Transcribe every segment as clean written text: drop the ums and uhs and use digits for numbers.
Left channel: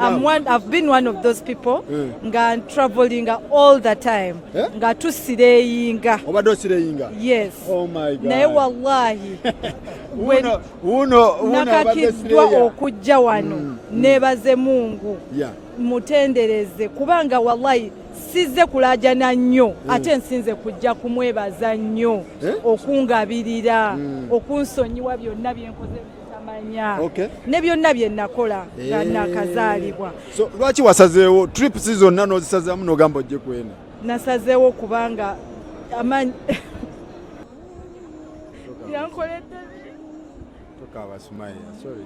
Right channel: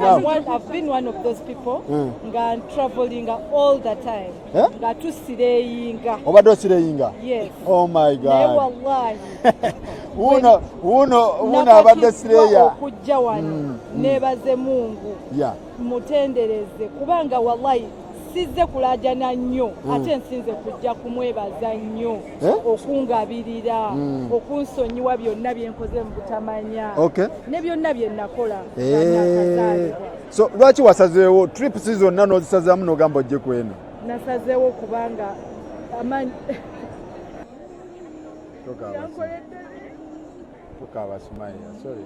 I've been one of those people nga traveling all the time nga tusireyinga obadde osireyinga. Yes. Oh my God. Naye wallahi uno abadde sireya okujja wano nebaze Mungu mutendereze kubanga wallahi sizze kulajana nnyo ate nsinze kujja kumwebaza nnyo okungabirira okunsonyiwa byonna byenkoze mu butamanya ne byonna bye nakola nga nakazaalibwa. So lwaki wasazeewo trips zonna n'ozisazaamu n'ogamba ojje kwene? Nasazeewo kubanga amanyi sorry.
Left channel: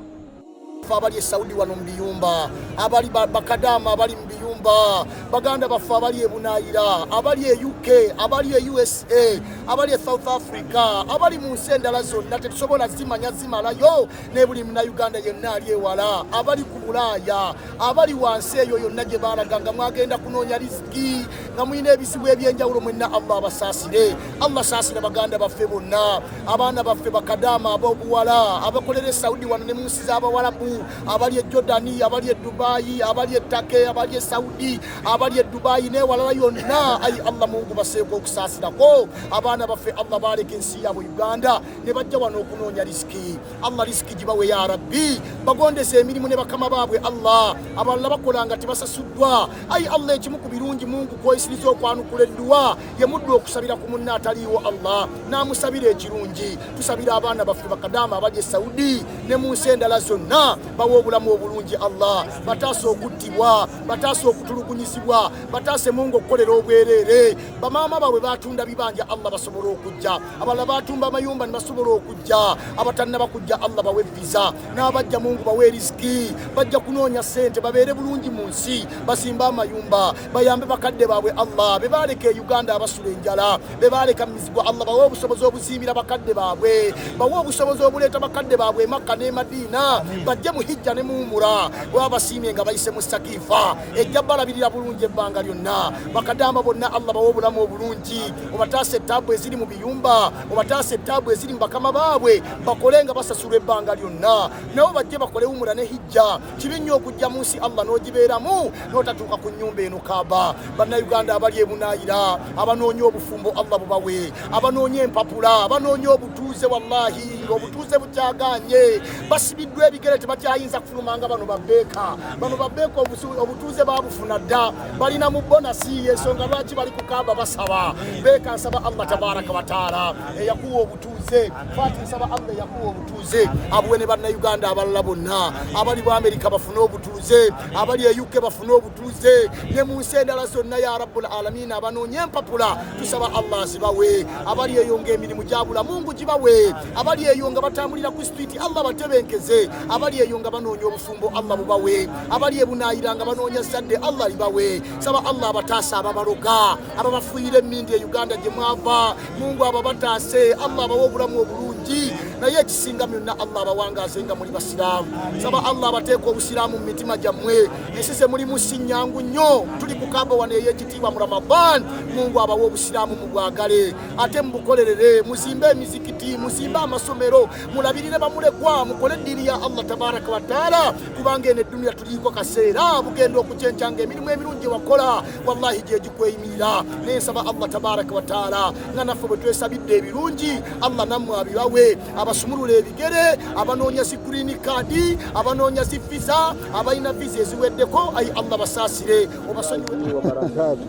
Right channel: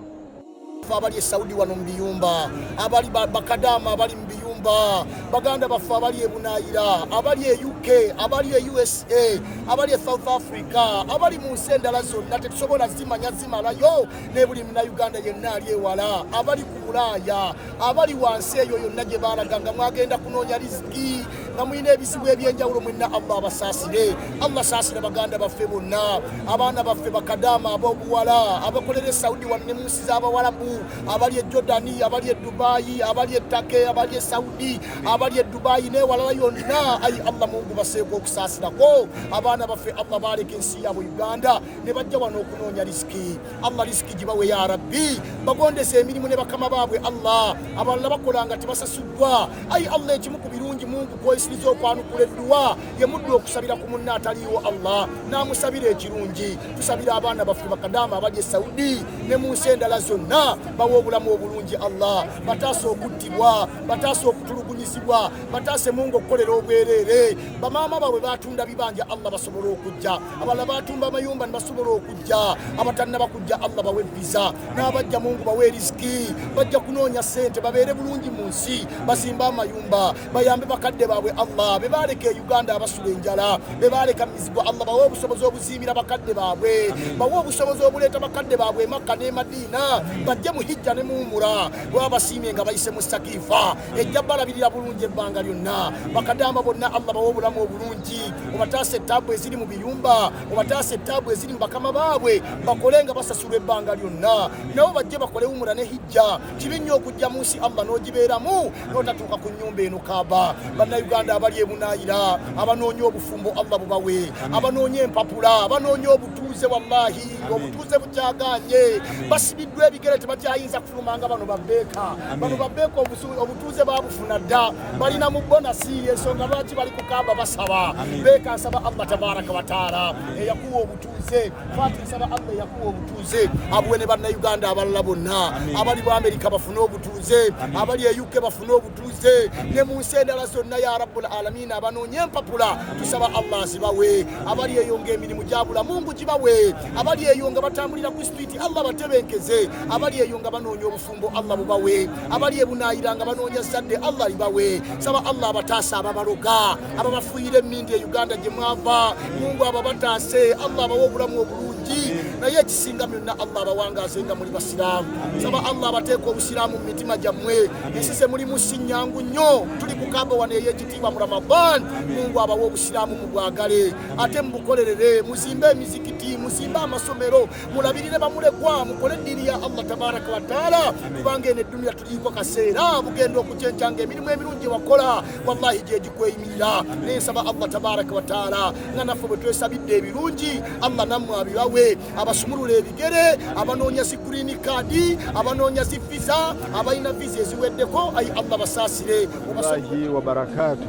Abali Saudi wano mbiyumba, abali bakadama abali mbiyumba, baganda bafa abali ebunaira, abali UK, abali USA, abali South Africa, abali mu nsendala zonna tetusobola zimanya zimalayo ne buli muna Uganda yenna ali ewala, abali ku Bulaya, abali wansi eyo yonna gye balaganga mwagenda kunoonya riziki nga muyina ebizibu ebyenjawulo mwenna Allah basaasire. Allah saasire baganda baffe bonna, abaana baffe bakadama ab'obuwala abakolera Saudi wano ne mu nsi z'abawalabu, abali Jordani, abali Dubai, abali Turkey, abali Saudi, abali Dubai ne walala yonna. Ayi Allah Mungu baseeko okusaasirako abaana baffe. Allah baleke ensi yabo Uganda ne bajja wano okunoonya riziki. Allah riziki gibawe ya Rabbi, bagondese emirimu ne bakama baabwe Allah, abalala bakolanga tebasasuddwa. Ayi Allah ekimu ku birungi Mungu kwesiriza okwanukula edduwa ye muddu okusabira ku munna ataliiwo Allah n'amusabira ekirungi. Tusabira abaana baffe bakadama abali Saudi ne mu nsi endala zonna bawo obulamu obulungi Allah, bataase okuttibwa, bataase okutulugunyizibwa, bataase Mungu okukolera obwereere. Bamaama baabwe batunda bibanja Allah basobola okujja, abalala batumba amayumba ne basobola okujja, abatannaba kujja Allah bawe visa, n'abajja Mungu bawe riziki, bajja kunoonya ssente babeere bulungi mu nsi, basimba amayumba, bayambe bakadde baabwe Allah, be baaleka Uganda abasula enjala, be baaleka mizigo Allah bawe obusobozi obuzimbira bakadde baabwe, bawe obusobozi obuleeta bakadde baabwe Makka ne Madina, bajje mu hijja ne muumura wabasiimye nga bayise mu Sakifa ejja balabirira bulungi ebbanga lyonna. Bakadama bonna Allah bawe obulamu obulungi, obataase ettaabu eziri mu biyumba, obataase ettaabu eziri mu bakama baabwe, bakole nga basasula ebbanga lyonna, nabo bajje bakole umura ne hijja. Kibi nnyo okujja mu nsi Allah n'ogibeeramu n'otatuuka ku nnyumba eno Kaaba. Bannayuganda abali ebunaayira, abanoonya obufumbo Allah bubawe, abanoonya empapula, abanoonya obutuuze, wallahi obutuuze bukyaganye, basibiddwa ebigere tebakyayinza kufulumanga. Bano babbeeka obutuuze babufuna dda, balina mu bonasi, ensonga lwaki bali ku Kaaba basaba. Beeka nsaba Allah tabaraka wa taala eyakuwa obutuuze, Fati nsaba Allah eyakuwa obutuuze abuwe ne bannayuganda abalala bonna, abali mu Amerika bafune obutuuze, abali e UK bafune obutuuze, ne mu nsi endala zonna ya Rabbul Alamin abanoonya empapula tusaba Allah zibawe, abali eyo ng'emirimu gyabula Mungu gibawe, abali eyo nga batambulira ku street Allah batebenkeze, abali eyo nga banoonya obufumbo Allah bubawe, abali ebunaayira nga banoonya zadde Allah libawe. Saba Allah abataasa ababaloga, ababafuuyira emmindi e Uganda gye mwava, Mungu ababataase Allah abawe obulamu obulungi, naye ekisinga byonna Allah abawangaze nga muli basiraamu. Saba Allah abateeka obusiraamu mu mitima gyammwe, ensi ze mulimu si nnyangu nnyo, tuli ku Kaaba wano ey'ekitiibwa mu Ramadan. Mungu abawe obusiraamu mubwagale ate mubukolerere, muzimbe emizikiti, muzimbe amasomero, mulabirire bamulekwa, mukole eddiini ya Allah tabaraka wa taala, kubanga eno eddunia tuliiko kaseera bugenda okucencanga emirimu emirungi wakola wallahi gye gikweyimirira. Naye nsaba Allah tabaraka wa taala nga naffe bwe twesabidde ebirungi Allah nammwe abibawe, abasumulula ebigere, abanoonya zi green card, abanoonya zi visa, abalina visa eziweddeko, ayi Allah basaasire obasonyiwe barakatu.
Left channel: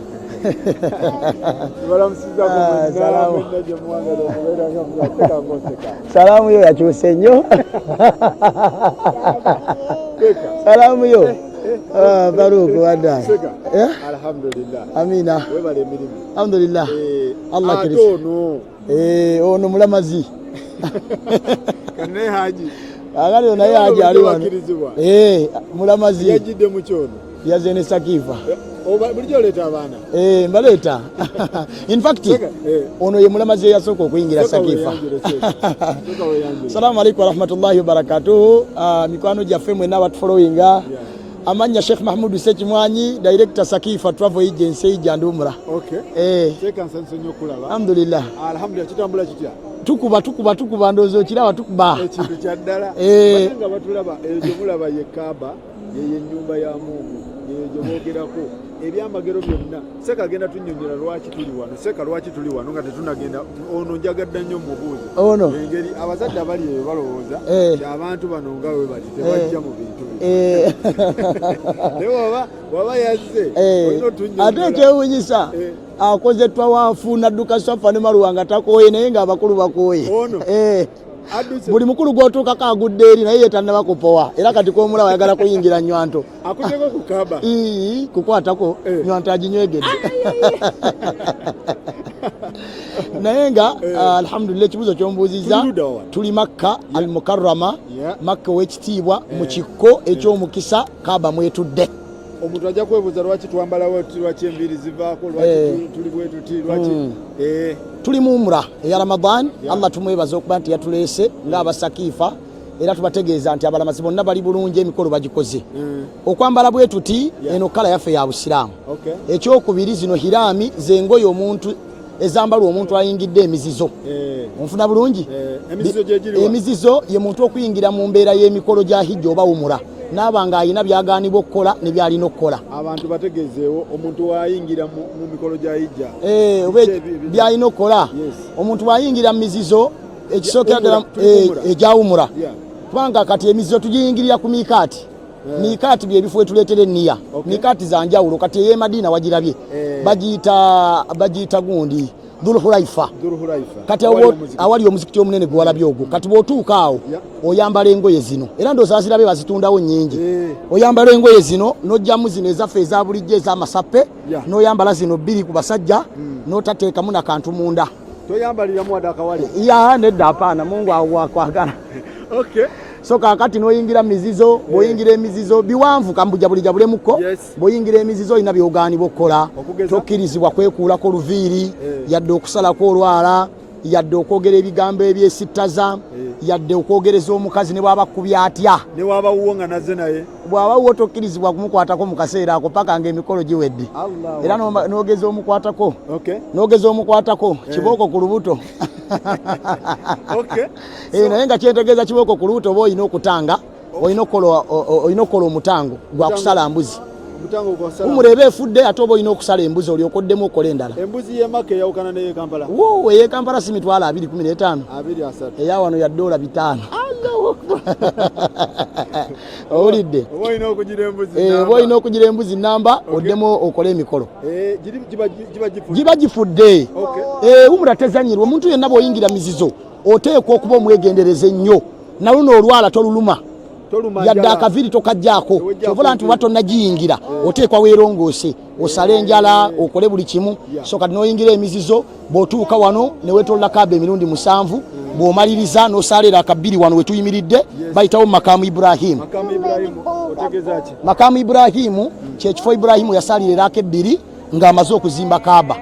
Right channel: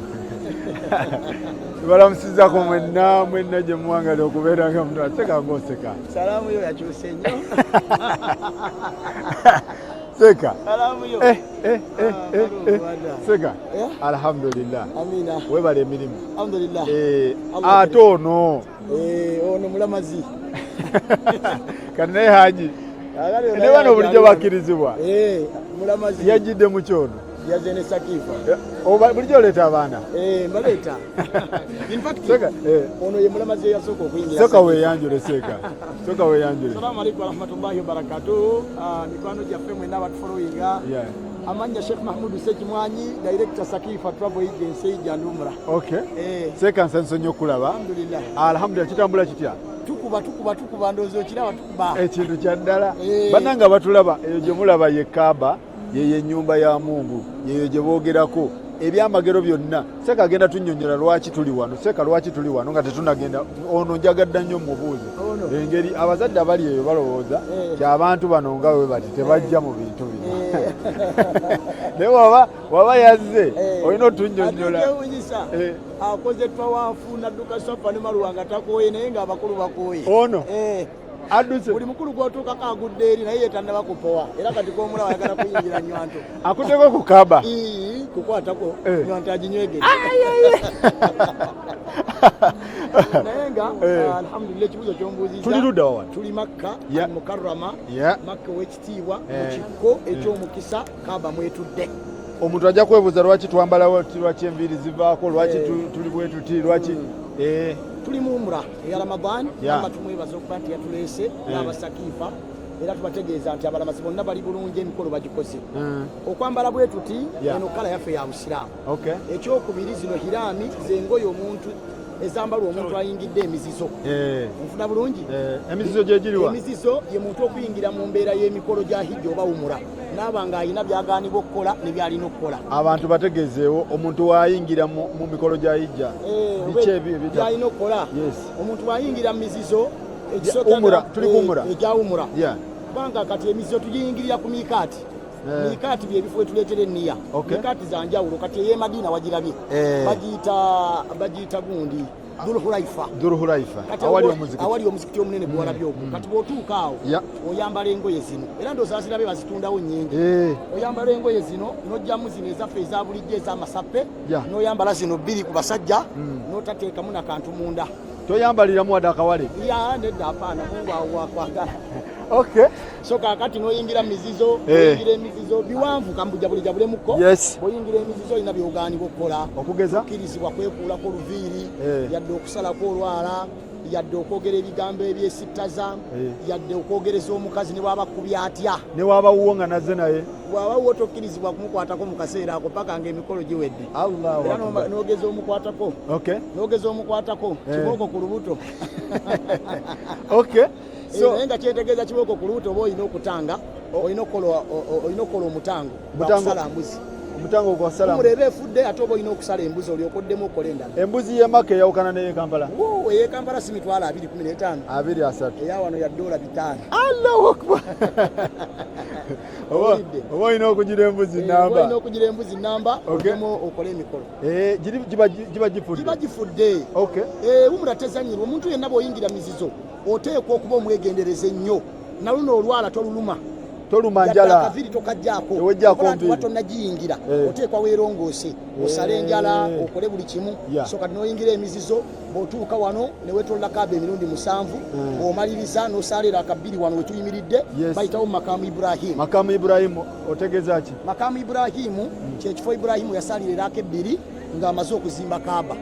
Balamusizako mwenna gye muwangala okubeera nga mulaseka museka. Salaamu yo yakyuse nnyo. Seka. Salaamu yo. Baruku wadda. Seka. Alhamdulillah. Amina. Webale emirimu. Alhamdulillah. Allah ate ono. Ono mulamazi. Kati naye Haji. Agalo naye Haji ali bakirizibwa. Mulamazi. Yajjidde mu kyono. Yaze ne Sakifa. Bulijjo oleeta abaana. Mbaleeta. In fact, ono ye mulamazi eyasooka okuyingira Sakifa. Soka weyanjule. Assalamu alaikum warahmatullahi wabarakatuh. Mikwano gyaffe mwenna abatufollowinga. Amanya Sheikh Mahmoud Sekimwanyi, Director Sakifa Travel Agency ijja ndi umra. Okay. Seka nsanyusa nnyo okulaba. Alhamdulillah. Alhamdulillah, kitambula kitya? tukuba ndozo kiraba tukuba ekintu kya ddala bananga batulaba eyo gye mulaba ye Kaaba ye nyumba ya Mungu yeyo gye boogerako ebyamagero byonna seka agenda tunnyonnyola lwaki tuli wano nga tetunagenda ono njagadda nnyo mubuuzo engeri abazadde abali eyo balowooza abantu bano nga bwe bali tebajja mu bintu naye waba yazze olina otunnyonnyola ate kyewunyisa akoze twawanfu nadduka Swafa ne Marwa nga takooye naye ng'abakulu bakooye buli mukulu gw'otuukako agudde eri naye yetannaba kupowa era kati komulaba ayagala kuyingira Nywanto akuzeko ku Kaaba kukwatako Nywanto aginywegedde naye nga alhamdulillah ekibuuzo ky'ombuuzizza tuli Makka al Mukarrama Makka ow'ekitiibwa mu kikko eky'omukisa Kaaba mwetudde. Omuntu ajja kwebuuza lwaki twambalawo lwaki enviiri zivaako lwaki tuli bwe tuti lwaki tuli mu umra eya Ramadan Allah tumwebaza okuba nti yatuleese ng'abasakiifa era tubategeeza nti abalamazi bonna bali bulungi emikolo bagikoze okwambala bwe tuti eno kala yaffe ya Busiraamu ekyokubiri zino hiraami zengoye omuntu ezambalwa omuntu ayingidde emizizo onfuna bulungi emizizo ye muntu okuyingira mu mbeera y'emikolo gya hijja oba umura n'abanga ayina byagaanibwa okukola ne byalina okukola abantu bategeezeewo omuntu waayingira mu mikolo gya hijja byalina okukola omuntu waayingira mu mizizo ekisookera egya umura kubanga kati emizizo tugiyingirira ku miikaati miikaati byebifo wetuleetera enniya miikaati za njawulo kati ey'e Madina wagirabye bagiyita gundi Dhul-Hulaifa kati awali omuzikiti omunene gwe walabye ogwo kati bw'otuuka awo oyambala engoye zino era ndooza zirabe bazitundawo nnyingi oyambala engoye zino n'ojjamu zino ezaffe eza bulijjo ez'amasappe n'oyambala zino bbiri ku basajja n'otateekamu na kantu munda toyambaliramu wadde akawale nedda apaana Mungu akwagala so kakati n'oyingira mizizo bw'oyingira emizizo biwanvu kambujabulejabulemu bw'oyingira emizizo olina byogaanibwa okukola tokkirizibwa kwekuulako luviiri yadde okusalako olwala yadde okwogera ebigambo ebyesittaza yadde okwogereza omukazi ne bw'aba kubya atya ne waba wuwo nga nazze naye bw'aba wuwo tokkirizibwa kumukwatako mu kaseera ako paka ng'emikolo giwedde era n'ogeza omukwatako kibooko ku lubuto naye nga kyentegeeza kibooko ku lubuto oba olina okutanga olina okukola omutango gwa kusala mbuzi umurebe efudde ate oba olina okusala embuzi olyoka oddemu okola endala embuzi y'e Makka eyawukana n'ey'e Kampala ey'e Kampala si mitwalo 215 eya wano ya $5 owulidde oba olina okugira embuzi namba oddemu okola emikolo giba gifudde umura tezanyirwa omuntu yenna bw'oyingira mizizo oteekwa okuba omwegendereza ennyo naluno olwala toluluma yadde akaviri tokajjaako ovola nti oba tonnagiyingira oteekwa weerongoose osale enjala okole buli kimu so kati n'oyingira emizizo bw'otuuka wano ne weetoolola Kaaba emirundi 7 bw'omaliriza n'osaalira akabbiri wano wetuyimiridde bayitawo Makamu Ibrahimu Makamu Ibrahimu kyekifo Ibrahimu yasaalira eraako ebbiri ng'amaze okuzimba Kaaba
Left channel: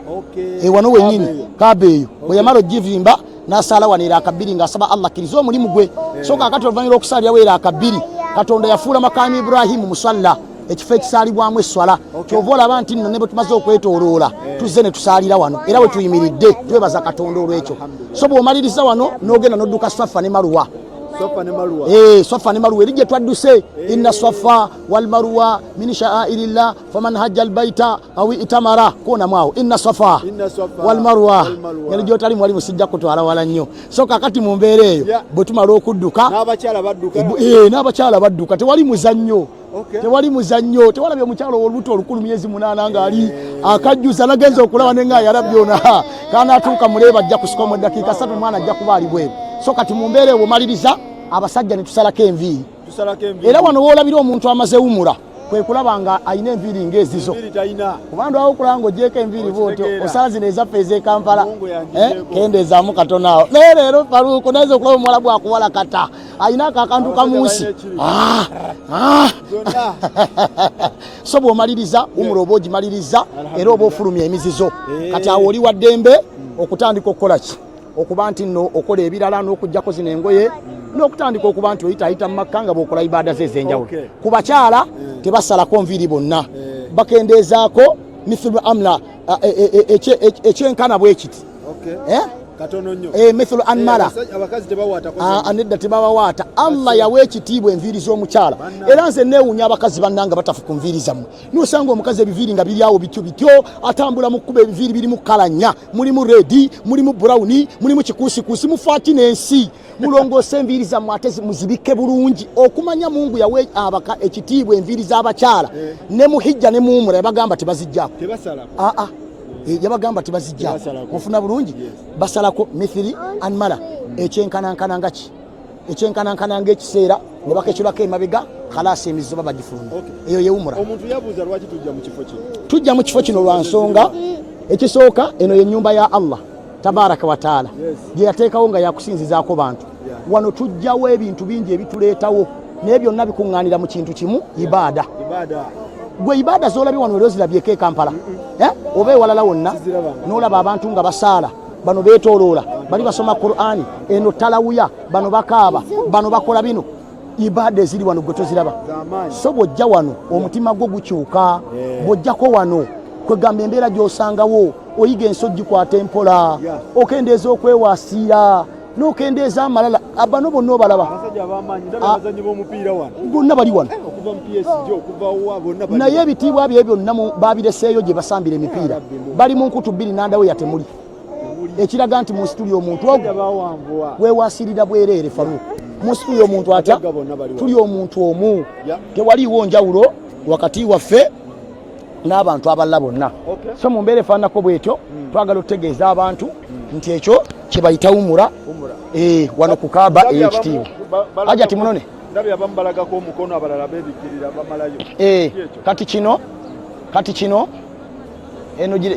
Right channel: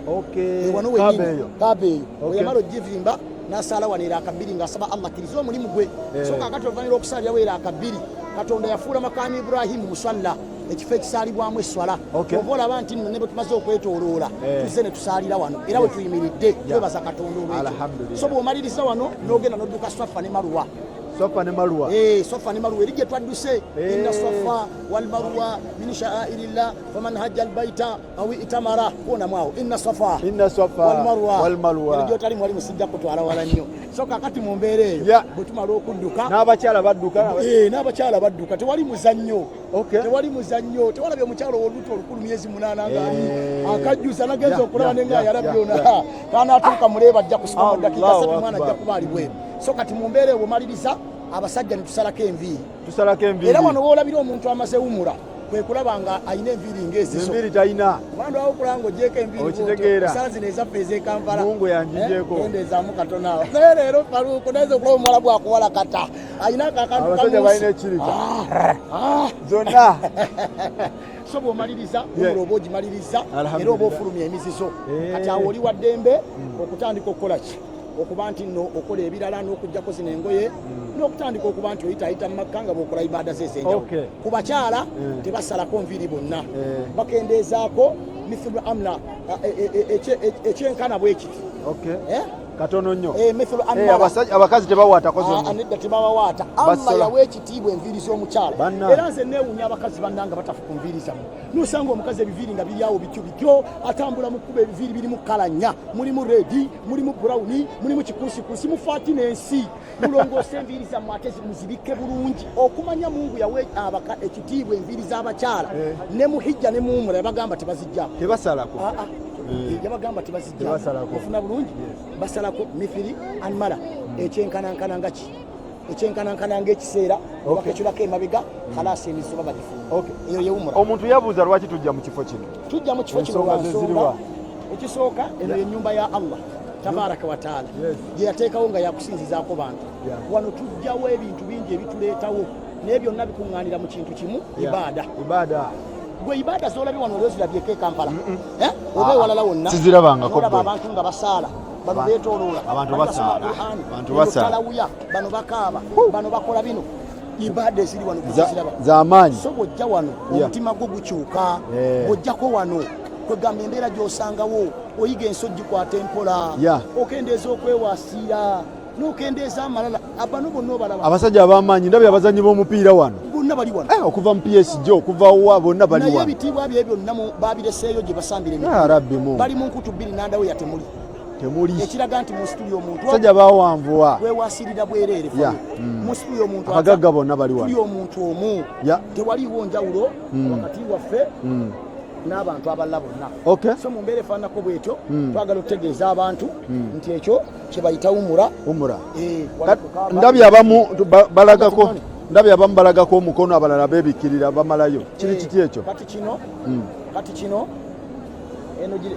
wano wennyini Kaaba eyo bwe yamala ogivimba n'asaala wano era akabbiri ng'asaba Allah akkiriza omulimu gwe so kaakati oluvannyuma lw'okusaalirawo era akabbiri Katonda yafuula Makamu Ibrahimu musalla ekifo ekisaalibwamu esswala kyova olaba nti nno ne bwe tumaze okwetooloola tuzze ne tusaalira wano era we tuyimiridde twebaza Katonda olw'ekyo so bw'omaliriza wano n'ogenda n'odduka Swafa ne Marwa Swafa ne Marwa eri gye twadduse inna Swafa wal Marwa min sha'airillah faman hajja albayta aw itamara kuonamu awo inna Swafa wal Marwa eri gy'otali mwali musijja kutwala wala nnyo so kakati mu mbeera eyo bwe tumala okudduka n'abakyala badduka tewali muzannyo tewalabye omukyalo olubuto olukulu myezi 8 ng'ali akajjuza nagenza okulaba ne nga yalabyona kanaatuuka muleeba ajja kusika mu dakiika 3 mwana ajja kuba ali bweru so kati mu mbeera eyo maliriza abasajja ne tusalako enviiri era wano woolabira omuntu amaze umura kwe kulaba nga ayina enviiri ng'ezizo kubandu awo okulaba ng'ogyeko enviiri bwotyo osala zino ezaffe ez'e Kampala kendeezaamu katono awo naye leero Faruku nayinza okulaba omuwala bwakuwala kata ayinako akantu kamuusi so bw'omaliriza umura oba ogimaliriza era oba ofulumya emizizo kati awo oli wa ddembe okutandika okukola ki okuba nti nno okola ebirala n'okuggyako zino engoye n'okutandika okuba nti oyitaayita mu Makka nga bw'okola ibaada ze ez'enjawulo ku bakyala tebasalako nviiri bonna bakendeezaako mithlu amla ekyenkana bwe kiti katono nnyo mithlu anmala abakazi tebawaata anedda tebawawaata Allah yawa ekitiibwa enviiri z'omukyala era nze neewuunya abakazi bannanga batafu ku nviiri zammwe nosanga omukazi ebiviiri nga biri awo bityo atambula mu kkuba ebiviiri birimu kala nnya mulimu redi mulimu burawuni mulimu kikuusikuusi mufaaki n'ensi mulongoose enviiri zammwe ate muzibike bulungi okumanya Mungu yawa abaka ekitiibwa enviiri z'abakyala ne muhijja ne muumura yabagamba tebazijjaako yabagamba tebazijja ofuna bulungi basalako mithili anmala ekyenkanankana nga ki ekyenkanankana ng'ekiseera obaka ekirako emabega khalasi emizizo babagifuluma eyo yewumura omuntu yabuuza lwaki tujja mu kifo kino tujja mu kifo kino lwa nsonga ekisooka eno ye nnyumba ya Allah tabaraka wa taala gye yateekawo nga yakusinzizaako bantu wano tujjawo ebintu bingi ebituleetawo naye byonna bikuŋŋaanira mu kintu kimu ibaada gwe ibada zolabye wano leo zirabyeko e Kampala oba ewalala wonna n'olaba abantu nga basaala bano beetooloola bali basoma Qur'ani eno talawuya bano bakaaba bano bakola bino ibada eziri wano gwe toziraba z'amaanyi so bw'ojja wano omutima gwo gukyuka bw'ojjako wano kwegamba embeera gy'osangawo oyiga ensojji kwata empola okendeeza okwewasiira n'okendeeza amalala bano bonna obalaba abasajja ab'amaanyi ndabye abazannyi b'omupiira wano bonna bali wano okuva mu PSG okuva wa bonna bali naye ebitiibwa bye byonna babireseeyo gye basambira emipiira bali mu nkutu bbiri nandawe yatemuli ekiraga nti mu nsi tuli omuntu weewasirira bwereere famu mu nsi tuli omuntu atya tuli omuntu omu tewaliiwo njawulo wakati waffe n'abantu abalala bonna so mu mbeera efaananako bwetyo twagala okutegeeza abantu nti ekyo kye bayita wumura wano kukaaba ndabye abamu balagako omukono abalala beebikirira bamalayo kati kino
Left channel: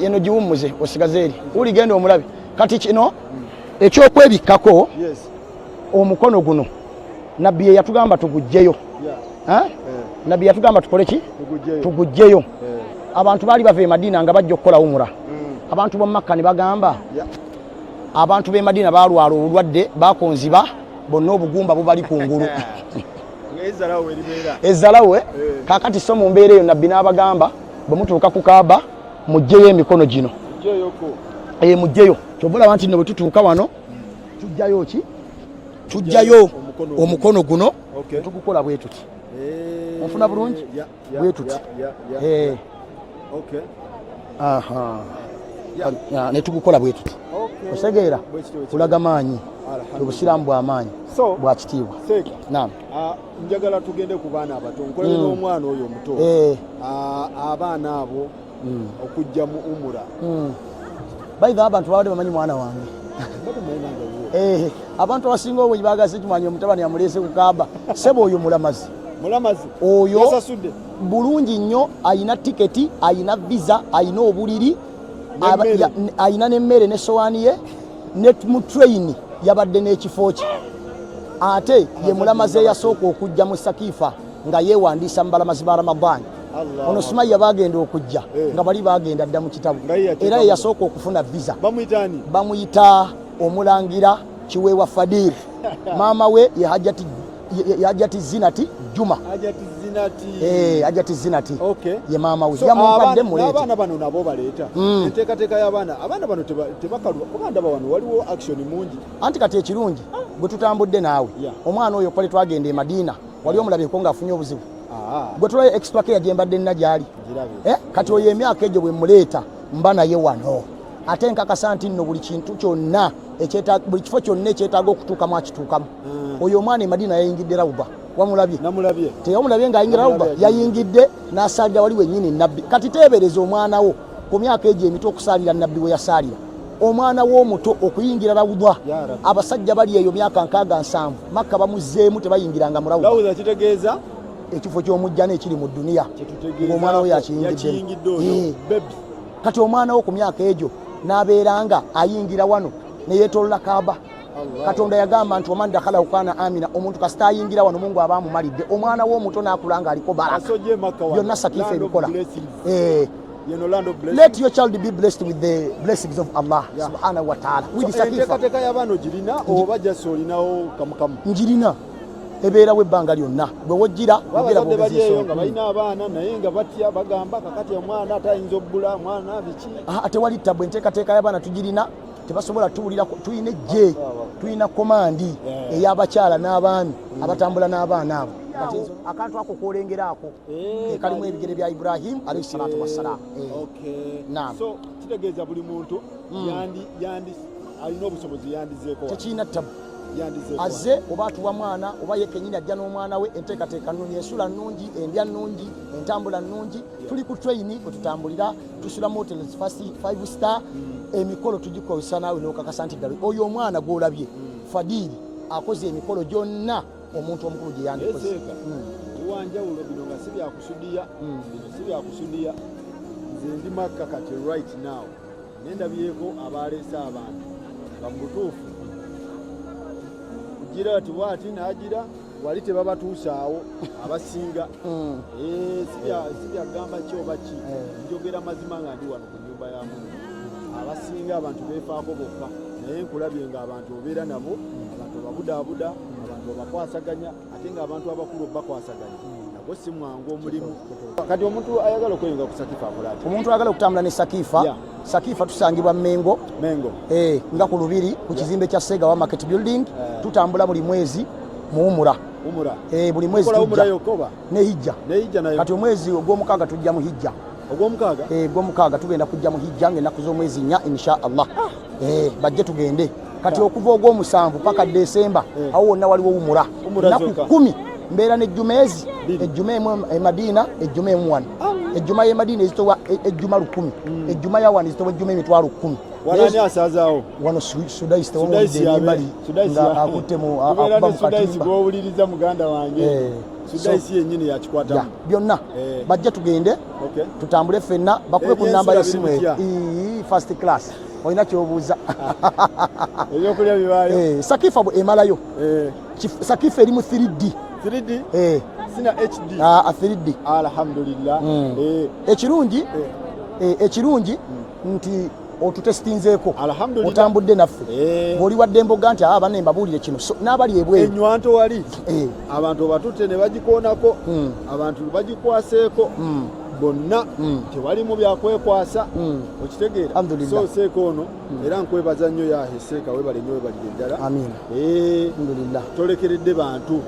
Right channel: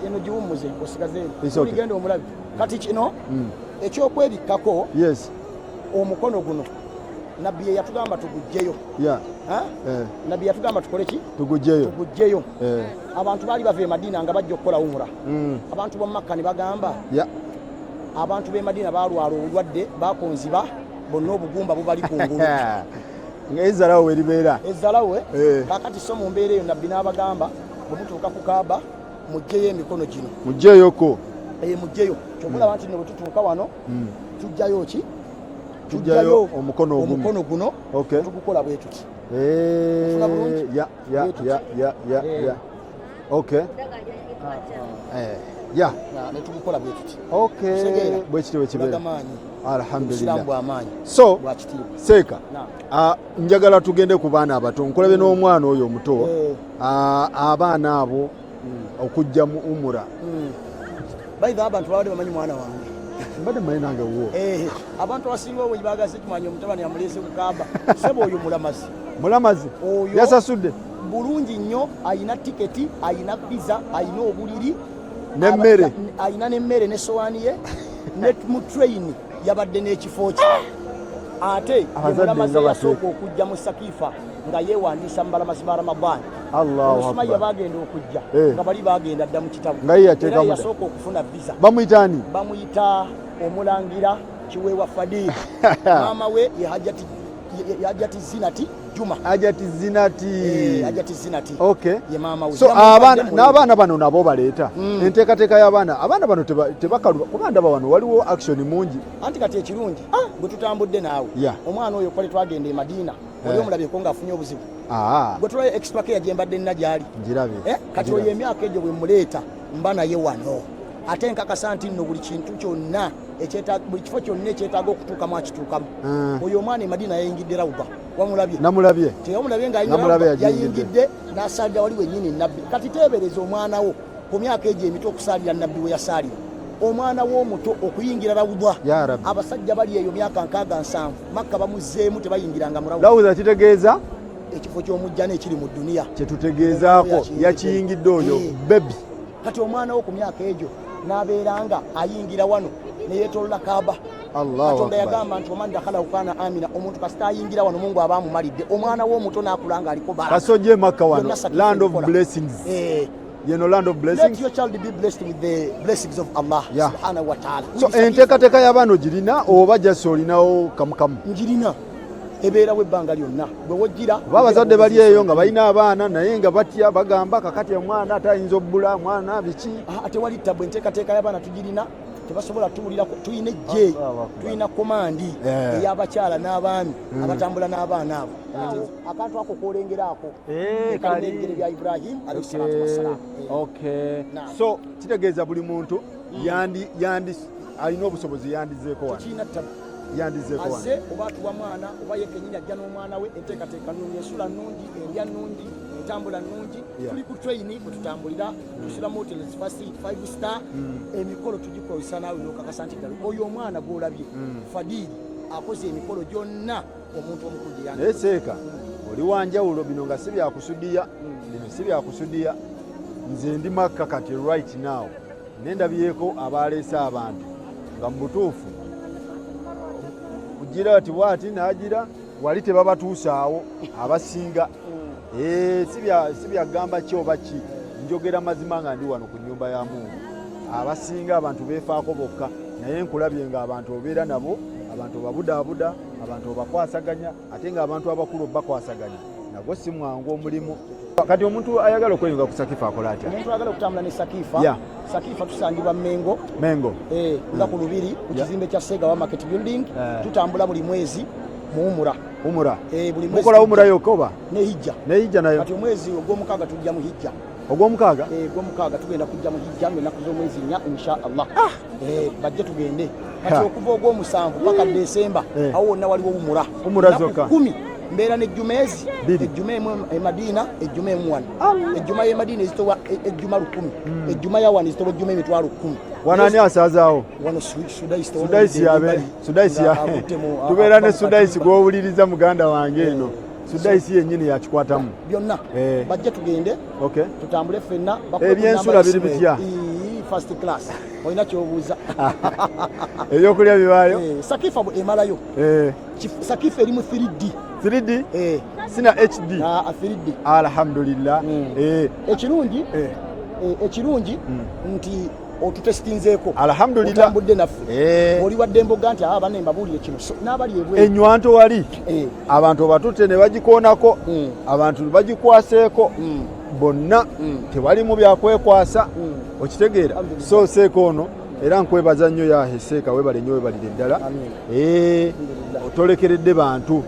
eno giwummuze osigaze eri uligenda omulabi kati kino ekyokwebikkako omukono guno nabbi ye yatugamba tugugjeyo nabbi yatugamba tukole ki tugugjeyo abantu baali bava e Madiina nga bajja okukola umura abantu b'omu Makka ne bagamba abantu b'e Madiina baalwala obulwadde bakonziba bonna obugumba bubali kungulu ezalawe kakati so mu mbeera eyo nabbi n'abagamba bwe mutuuka ku Kaaba mugjeyo emikono gino mugjeyo kyobulaba nti nno bwe tutuuka wano tujjayo ki tujjayo omukono guno tukukola bwe tuti ofuna bulungi bwe tuti netukukola bwe tuti osegeera kulaga maanyi obusiraamu bw'amaanyi bwa kitiibwa seeka njagala tugende ku baana abato nkolebe n'omwana oyo omuto abaana abo okujja mu umura bayiva abantu babadde bamanyi mwana wange abantu abasinga obwe bagase kimwanyi omutabani yamuleese ku Kaaba sebo oyo mulamazi oyo yasasudde bulungi nnyo ayina tiketi ayina visa ayina obuliri ayina n'emmere n'essowaani ye ne mu train yabadde n'ekifo kye ate ye mulamazi eyasooka okujja mu Sakifa nga yeewandiisa mu balamazi ba Ramadani ono Sumaya bagenda okujja nga bali bagenda dda mu kitabo era yasooka okufuna visa bamuyita omulangira Kiweewa Fadil maama we ye Hajati Zinati Juma Hajati Zinati ye maama we n'abaana bano nabo baleeta enteekateeka y'abaana bano tebakaluba kuba ndaba wano waliwo action mungi anti kati ekirungi bwe tutambudde naawe omwana oyo kwali twagenda e Madiina wali omulabeko ng'afunye obuzibu gwe tulayo extra care gye mbadde nina gyali kati oyo emyaka egyo bwe muleeta mba naye wano ate nkakasa nti nno buli kintu kyonna buli kifo kyonna ekyetaaga okutuukamu akituukamu oyo omwana e Madiina yayingidde rawuba namulabye teyamulabye ng'ayingira rawuba yayingidde n'asaalira wali wennyini nabbi kati teebereza omwana wo ku myaka egyo emito okusaalira nabbi bwe yasaalira omwana w'omuto okuyingira rawuba abasajja bali eyo myaka 67 Makka bamuzzeemu tebayingiranga mu rawuba kitegeeza ekifo ky'omujjana ekiri mu dduniya kyetutegeezaako yakiyingidde oyo bebi kati omwana wo ku myaka egyo n'abeeranga ayingira wano neyeetolola Kaaba Katonda yagamba nti oman dakhala kana amina omuntu kasita ayingira wano Mungu aba amumalidde omwana w'omuto n'akulanga aliko baraka kasojje Makka wano land of blessings land of blessings let your child be blessed with the blessings of Allah subhanahu wa ta'ala so enteekateeka y'abaana ogirina oba jasi olinawo kamukamu njirina ebeerawo ebbanga lyonna bwe wojjira abazadde bali eyo nga balina abaana naye nga batya bagamba kakati omwana atayinza obbula mwana biki tewali ttabu enteekateeka y'abaana tugirina tebasobola tuwulira tuyina ejje tuyina komandi ey'abakyala n'abaami abatambula n'abaana abo akantu ako kolengeraako kalimu ebigere bya Ibrahim alayhi salatu wassalamu. So kitegeeza buli muntu alina obusobozi yandizeeko tekirina ttabu azze oba atuwa mwana oba yekenyini ajja n'omwana we enteekateeka nnungi ensula nnungi endya nnungi entambula nnungi tuli ku traini bwe tutambulira tusula mu hotels 5 star emikolo tugikozesa naawe n'okakasa nti gali oyo omwana gw'olabye Fadili akoze emikolo gyonna omuntu omukulu gye yandiseeka oli wanjawulo bino nga si byakusudiya nze ndi Makka kati right now nendabyeko abaleese abantu nga mu butuufu kugira ati waati n'agira wali tebabatuusaawo abasinga si byagamba kyoba ki njogera mazima nga ndi wano ku nnyumba ya Mungu abasinga abantu beefaako bokka naye nkulabye nga abantu obeera nabo abantu babudaabuda abantu bakwasaganya ate nga abantu abakulu bakwasaganya nagwo si mwangu omulimu. Kati omuntu ayagala okweyunga ku Sakifa akola atya? Omuntu ayagala okutambula ne Sakifa tusangibwa Mengo nga ku Lubiri ku kizimbe kya Sega wa Market Building tutambula buli mwezi mu Umura buli mwezi Umura yokoba ne Hijja nayo kati omwezi ogw'omukaaga tujja mu Hijja ogw'omukaaga tugenda kujja mu Hijja ng'ennaku z'omwezi 4 insha Allah bajje tugende kati okuva ogw'omusanvu paka Desemba awo wonna waliwo Umura zokka 10 mbeera n'ejjumeezi ejjuma emu Madina ejjuma emu wano ejjuma y'e Madina ezitowa ejjuma 1000 ejjuma ya wano ezitowa ejjuma emitwalo 10. Wanani asazaawo wano Sudaisi tubeera ne Sudaisi gw'owuliriza muganda wange eno Sudaisi yennyini yakikwatamu byonna bajja tugende tutambule ffenna bakule ku namba y'essimu first class olina kyobuuza ebyokulya bibaayo Sakifa bwe emalayo Sakifa erimu 3D sina HD 3D alhamdulillah ekirungi nti otutesitinzeeko alhamdulillah otambudde naffe oli wadde emboga nti abanne mbabuulire kino n'abali ebweru enywanto wali abantu batutte ne bagikoonako abantu bagikwaseeko bonna tebalimu byakwekwasa okitegeera so seeko ono era nkwebaza nnyo yaheseeka webale nnyo webalire ddala otolekeredde bantu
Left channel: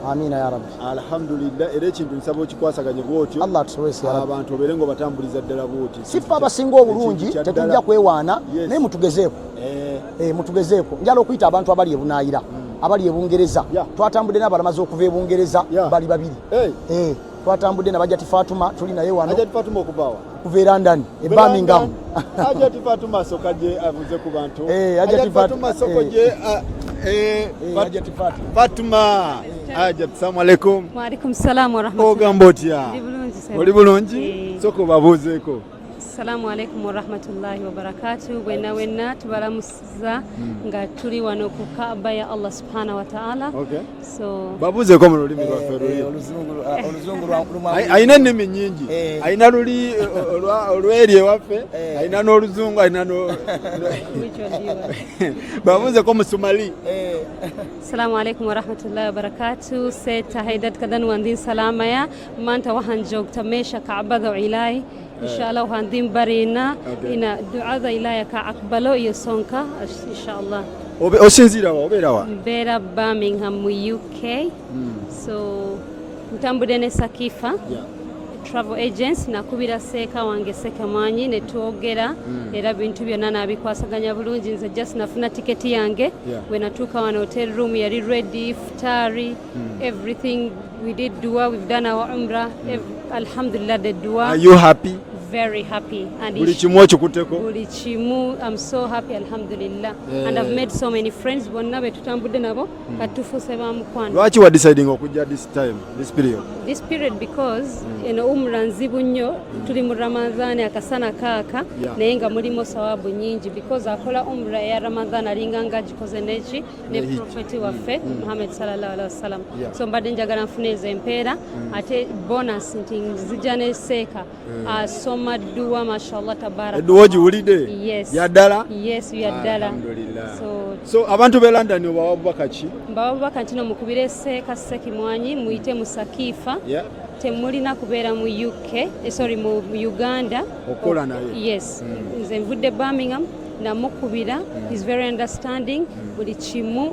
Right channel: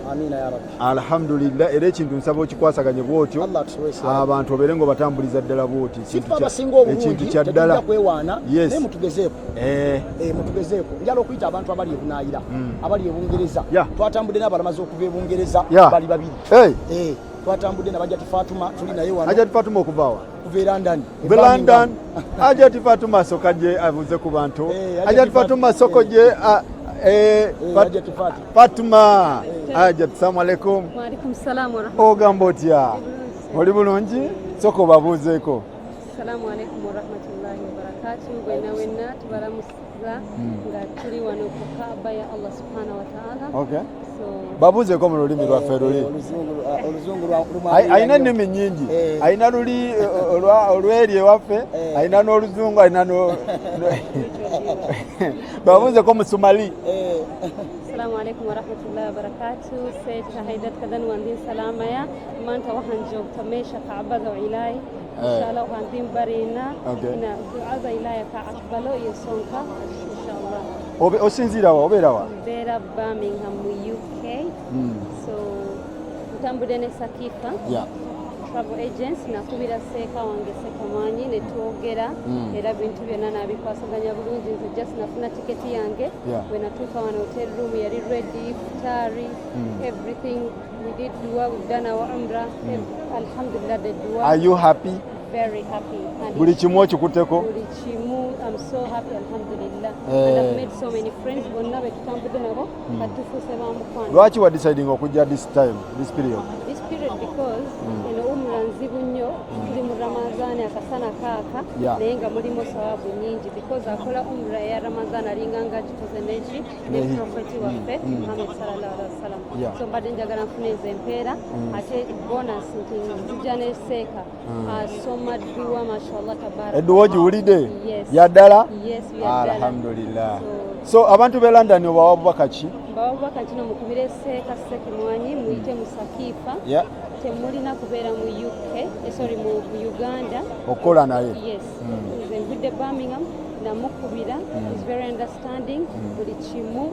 alhamdulillah era ekintu nsaba okikwasaganye bwotyo abantu obeere nga obatambuliza ddala bwoti sifa abasinga obulungi tetujja kwewaana naye mutugezeeko njala okuyita abantu abali ebunaayira abali ebungereza twatambudde n'abalamaze okuva ebungereza bali babiri twatambudde na Hajjati Fatuma tuli naye wano Hajjati Fatuma okuvaawa kuva London Birmingham Hajjati Fatuma soka gye abuze ku bantu Hajjati Fatuma soko gye Hajjati Fatuma Hajjati assalamu alaikum. Wa alaikum salaam wa rahmatullahi. Ogamba otya? Oli bulungi soko babuuzeeko. Assalamu alaikum wa rahmatullahi wa barakatuh. Wenna tubalamusiza nga tuli wano ku Kaaba ya Allah subhanahu wa ta'ala. Babuuzeeko mu lulimi lwaffe luli ayina ennimi nnyingi ayina luli olweri ewaffe ayina n'oluzungu ayina babuuzeeko mu Somali. Assalamu alaikum wa rahmatullahi wa barakatuh. Seta haidat kadan wandin salama ya maanta waxaan joogta meesha Kacbada Ilaahay inshallah waxaan din barina ina ducada Ilaahay ka aqbalo iyo soonka inshallah. Osinziira wa obeera wa? Mbeera Birmingham mu UK. So ntambudde ne Sakifa travel agents nakubira seeka wange Sekamanyi ne twogera era bintu byonna nabikwasaganya bulungi nze just nafuna tiketi yange we natuuka wano hotel room yali ready futari everything we did dua we've done our umrah alhamdulillah the dua. Are you happy? Very happy. Buli kimu okikutteko? Buli kimu, I'm so happy alhamdulillah. And I've made so many friends bonna be tutambudde nabo katufuuse bamukwano. Lwaki wa deciding okujja this period? This period because eno umra nzibu nnyo tuli mu Ramadhan akasana kaaka naye nga mulimu sawabu nyingi because akola umra ya Ramadhan alinga nga gikoze neki ne profeti waffe Muhammad sallallahu alaihi wasallam. So mbadde njagala nfune ezo empeera ate bonus nti nzija ne seeka Dua mashallah tabarak. Dua jiwulide? Yes. Yaddala? Yes, yaddala. Alhamdulillah. So abantu be London obawa bubaka ki? Mbawa bubaka kino mukubire Seeka Ssekimwanyi muyite mu Sakifa. Yeah. Temulina kubeera mu mu Uganda. Okola naye. Yes. Nze mvudde Birmingham namukubira. He's very understanding. Buli kimu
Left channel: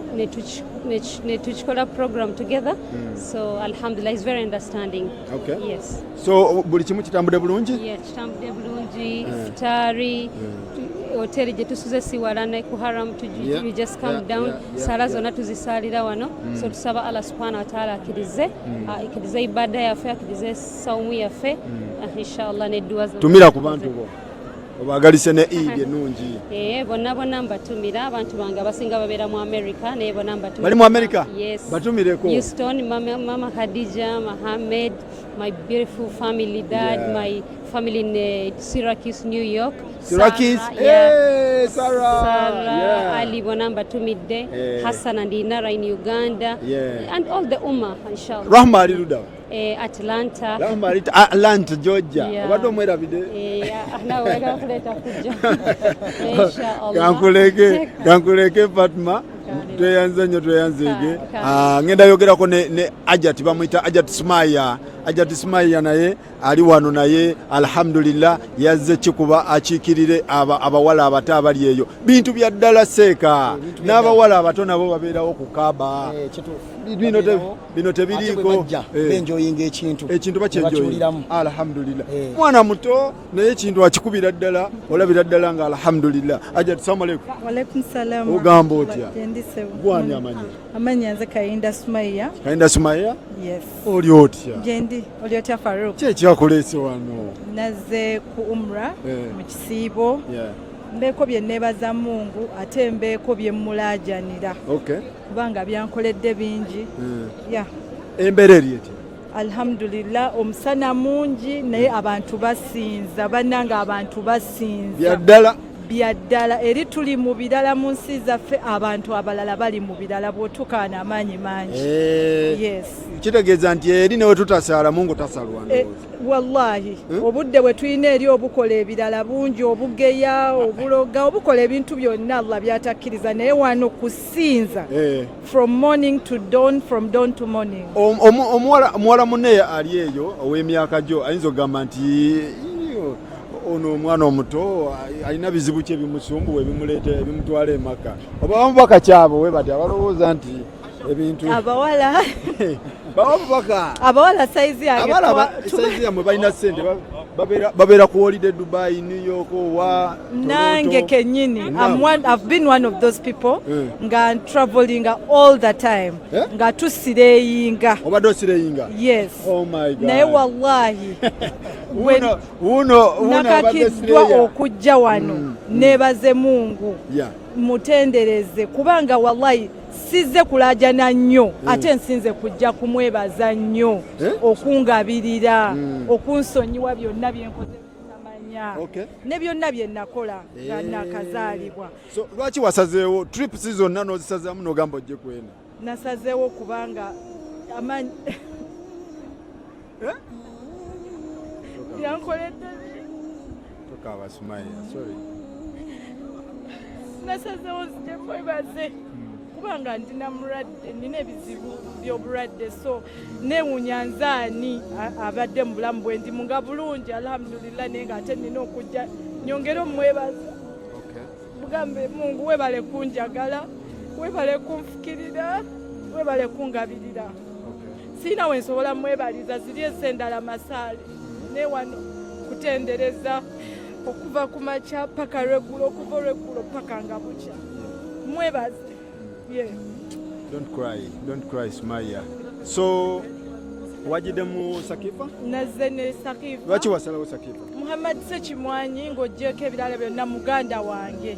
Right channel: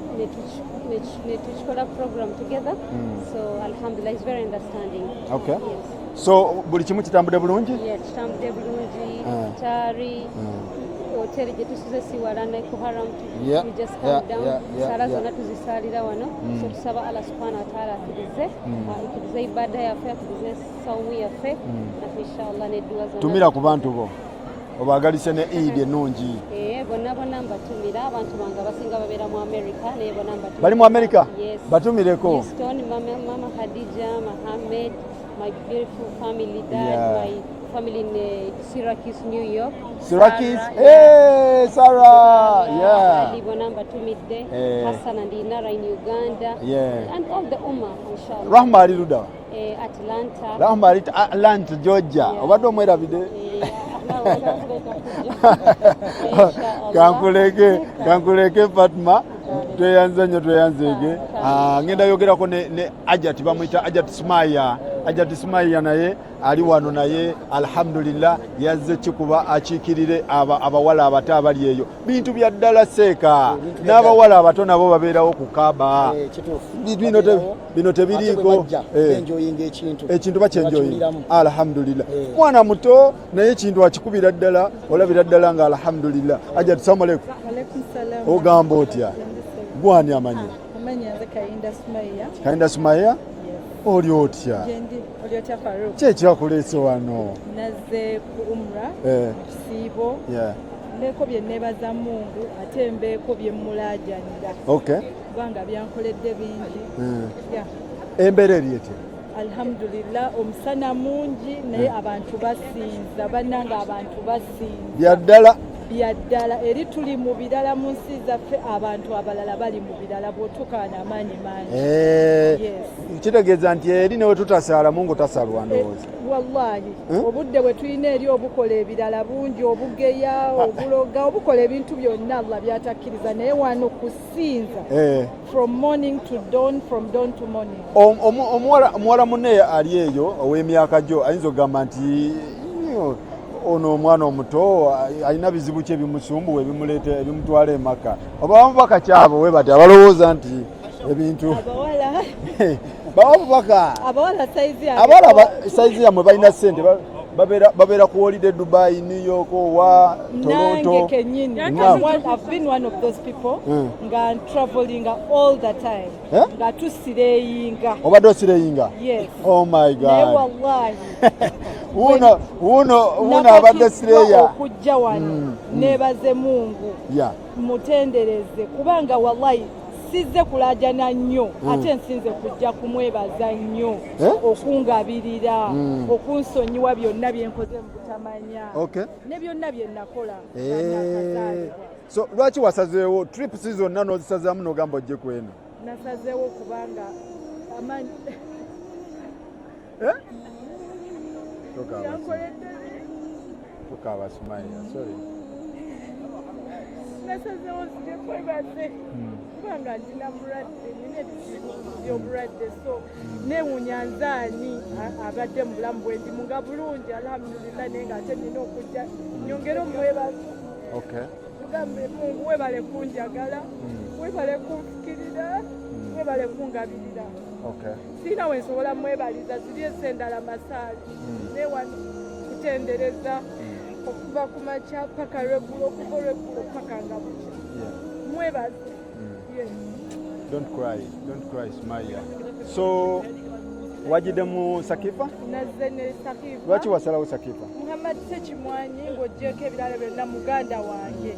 ne tukikola program together. So alhamdulillah he's very understanding. Okay. Yes. So buli kimu kitambudde bulungi? Yeah, kitambudde bulungi. Futari. Hoteli gye tusuze si wala ne ku Haram you just come down. Sala zonna tuzisalira wano. So tusaba Allah subhanahu wa ta'ala akirize ibada yaffe akirize saumu yaffe inshallah ne dua zonna. Tumira ku bantu bo. Obagalise ne Eid ennungi. Bonna mbatumira abantu bange abasinga babeera mu America naye bonna mbatumira. Bali mu America? Yes. Batumireko. Houston, Mama Khadija, Mohammed, my beautiful family dad, my family in Syracuse, New York. Syracuse? Sarah. Yeah. Ali bonna mbatumidde. Hassan and Inara in Uganda. Yeah. And all the Ummah, inshallah. Rahma ali luda. Atlanta. Rahma ali Atlanta, Georgia. Obadde omwerabidde? Kankuleke Fatma. Tweyanzege. Ngenda yogerako ne Ajat bamuyita Ajat Smaya naye ali wano naye alhamdulillah yazze kikuba akikirire abawala abato abali eyo bintu bya ddala Seeka n'abawala abato nabo babeerawo ku Kaaba bino tebiriiko ekintu bakyenjoyinga alhamdulillah mwana muto naye ekintu akikubira ddala olabira ddala nga alhamdulillah. Ajat assalamu alaykum. Wa alaykum salaam. Ogamba otya? Gwani amanya nze Kayinda Sumaya. Yes. Oli otya? Jendi oli otya Farouk? Kyekiwakuleese wano? Nazze ku umra mu kisiibo. Mbeeko bye neebaza Mungu ate mbeeko bye mulaajanira. Okay. Kubanga byankoledde bingi. Embeera eri etya? Alhamdulillah omusana mungi naye abantu basinza bannanga abantu basinza. Byaddala eri tuli mu birala mu nsi zaffe abantu abalala bali mu birala bw'otukaana amaanyi mangi. Yes. Kitegeeza nti eri newe tutasaala Mungu tasalwa ndowooza. Wallahi obudde bwe tulina eri obukola ebirala bungi obugeya obuloga obukola ebintu byonna Allah byatakkiriza naye wano kusinza from morning to dawn, from dawn to morning. Omuwala munne ali eyo ow'emyaka gyo ayinza okugamba nti ono omwana omuto alina bizibu kye bimusumbuwa ebimuleeta ebimutwala emaka oba bamubaka kyabo we bati abalowooza nti ebintu abawala abawala saizi yamwe balina ssente babeera ku holiday Dubai, New York wa Toronto. Nange kenyini I've been one of those people nga traveling all the time nga tusireyinga. Obadde osireyinga? Yes. Oh my God. Naye wallahi uno abadde sireya okujja wano neebaze Mungu mutendereze kubanga wallahi sizze kulajana nnyo ate nsinze kujja kumwebaza nnyo okungabirira okunsonyiwa byonna byenkoze mukutamanya ne byonna bye nakola nga nakazaalibwa. So lwaki wasazeewo trips zonna n'ozisazaamu n'ogamba ojje kweno? Nasazeewo kubanga amanyi Tokawa Sumaya, sorry. Nasazeewo nzije kwebaze kubanga ndina mulwadde nina ebizibu by'obulwadde so neewunya nzaani abadde mu bulamu bwe ndi nga bulungi alhamdulillah naye ng'ate nina okujja nyongere omwebaza. Bugambe Mungu webale kunjagala webale kunfukirira webale kungabirira. Sina we nsobola mwebaliza ziri esendala masaali naye wano kutendereza okuva ku makya paka lweggulo okuva olweggulo paka nga buki mwebaze. Don't cry Sumaya. So wajide mu Sakifa? Nazze ne Sakifa. Lwaki wasalawo Sakifa? Muhammad Ssekimwanyi ng'oggyeko ebirala byonna muganda wange.